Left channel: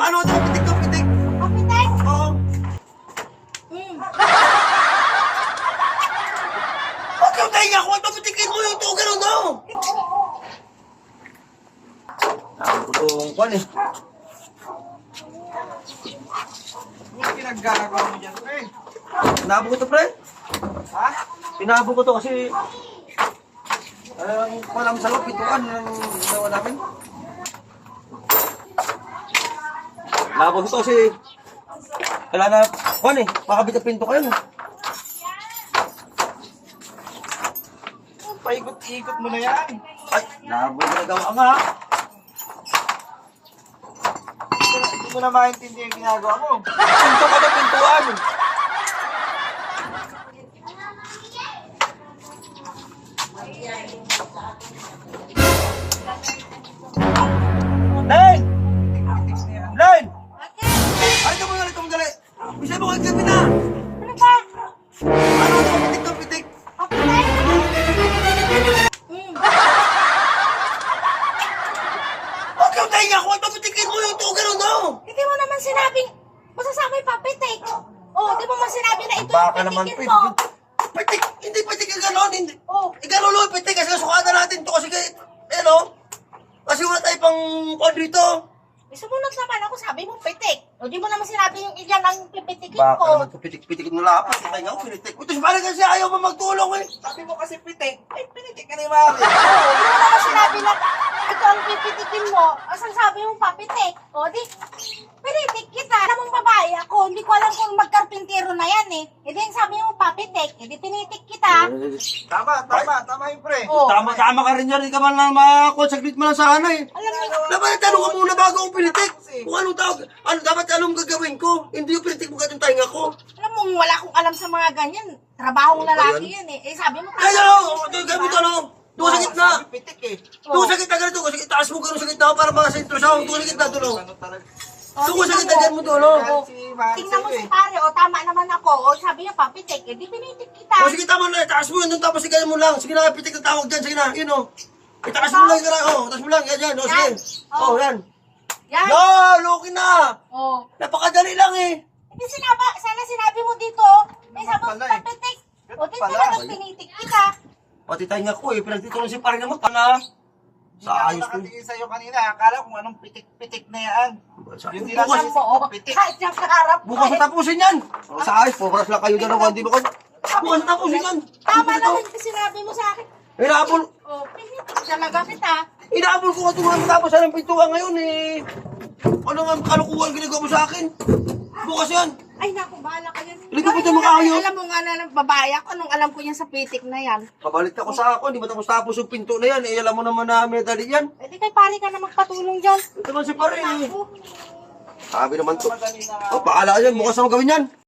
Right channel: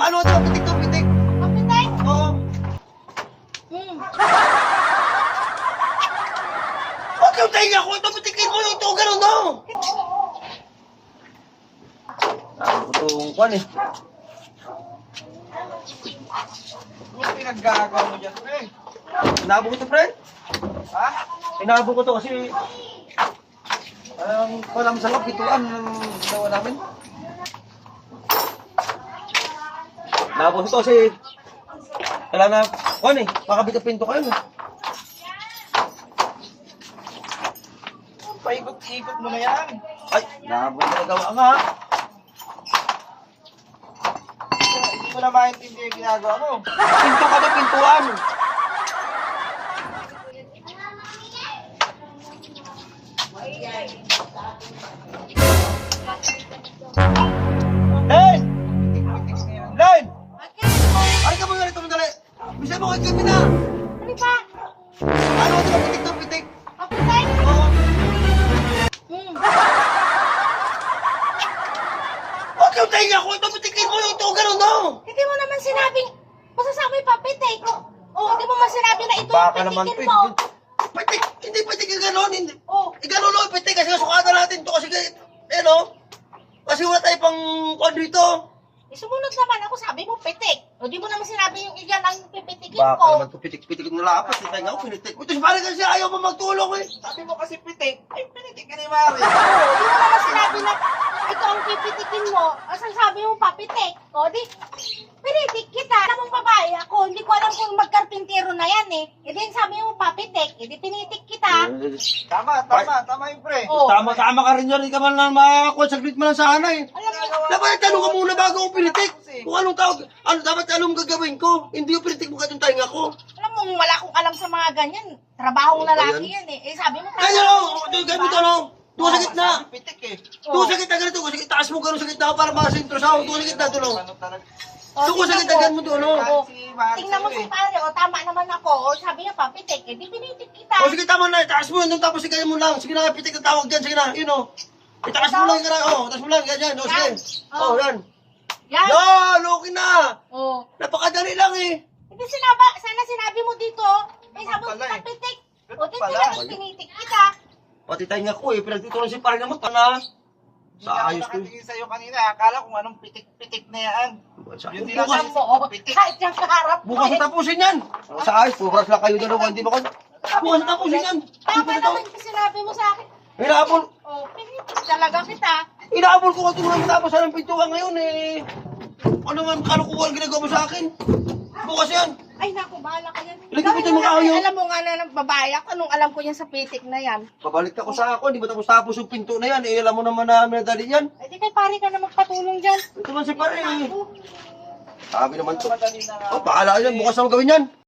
Paano ito? Pitik to, pitik. Kapitan? Oo. Hmm. Huwag yung tayo ako. Ito, pitikin mo ito. Ganun daw. Saan ko itong kwan eh. Ano pinaggagawa mo dyan, pre? Tinabo ko ito, pre. Ha? Tinabo ko ito kasi walang salap ituan ng ginawa namin. Tinabo ko ito kasi wala na kwan eh. Makabit ang pinto kayo. Paikot-ikot mo na yan. Ay, nabo na nagawa nga. Hindi mo na maintindihan yung ginagawa mo. Pinto ka na pintuan. Len! Tik-tik na yan. Len! Bakit? Ay, kamo dali, kamo dali. Bisa mo kay kami na. Ano ba? Ano ito, pitik to, pitik. Kapitan? Hmm. Huwag yung tayo ako. Ito, pitikin mo ito. Ganun daw. Hindi mo naman sinabing, masasama yung papitik. Oh, hindi mo man sinabi na ito Baka yung naman, pitikin pe. mo. Pitik. Hindi pitik yung ganun. Hindi. Oh, Ganun lang, pitik. Kasi sukada natin to. Kasi, kasi wala tayo pang kwan dito. sumunod naman ako, sabi mo pitik. O, di mo naman sinabi yung iyan ang pipitikin Baka ko. naman ito, pitik-pitikin mo lang. Pati tayo ako, pinitik. Ito, parang kasi ayaw mo magtulong eh. Sabi mo kasi pitik. Ay, pinitik ka ni Mami. Oo, di mo naman sinabi na ito ang pipitikin mo. O, sabi mo papitik. O, di, pinitik kita. Alam mong babae ako, hindi ko alam kung magkarpintero na yan eh. E di, sabi mo papitik. E di, pinitik kita. Tama yung pre. Oh. Tama ka rin yan. Hindi ka man lang makakuha. Saglit mo lang sana eh. Alam mo, Dapat tanong ka muna bago ako pinitik. Kung anong tawag, dapat anong gagawin ko. Hindi yung pinitik mo ka itong tainga ko. alam mo, wala akong alam sa mga ganyan. Trabahong lalaki yan eh. Eh, sabi mo, Kaya ito, gamit ano. Doon sa gitna. Sabi pitik eh. Doon sa gitna ganito. Kasi taas mo gano'n sa gitna para makasentro sa akin. Doon sa gitna doon. Ano talaga? Doon sa gitna ganun mo doon. Galit si Mami Tingnan mo sa'yo si eh. pare, o tama naman ako. O sabi niya, papitik. Eh, di pinitik kita. O sige tama na. Taas mo yun. Doon tapos sige mo lang. Sige na, pitik na tawag dyan. Sige na. Yun o. Itaas mo lang yung gara. O, taas mo lang. Yan, yan. O, sige. O, yan. Yan. Yan, okay na. O. Napakadali lang eh. Hindi sana sinabi mo dito. Eh, sabi mo, Pala eh. papitik. O, di Pala. talagang pinitik kita. Pati tayo nga ko eh. Pinagtitulong si pare naman. Kana. Sa ayos to. Nakatingin sa'yo kanina. Akala kung anong pitik-pitik na yan. Yun din Bukas, Alam mo, o. Pitik. Kahit yung kaharap mo bukas eh. tapusin yan. Sa ayos, pugras lang kayo dalawa. Hindi ba kayo? Bukas tapusin yan. Tama naman yung sinabi mo sa akin. Inaabol. O, pinitik talaga kita. Inaabol ko katulong tapos anong pintuan ngayon eh. Ano nga kalukuhan ginagawa mo sa akin? Bukas yan. Ay, naku, bahala ka yan. Hindi ko pwede makaayos. Alam mo nga na ng babae ako, anong alam ko yan sa pitik na yan. Kabalik ako sa ako, hindi ba tapos yung pinto na yan? Eh, alam mo naman na minadali yan. Eh, di kay pare ka na magpatulong dyan. Ito naman si pare eh. Naku. Sabi naman to. Madali na nga. Oh, bahala ka yan, bukas na magawin yan.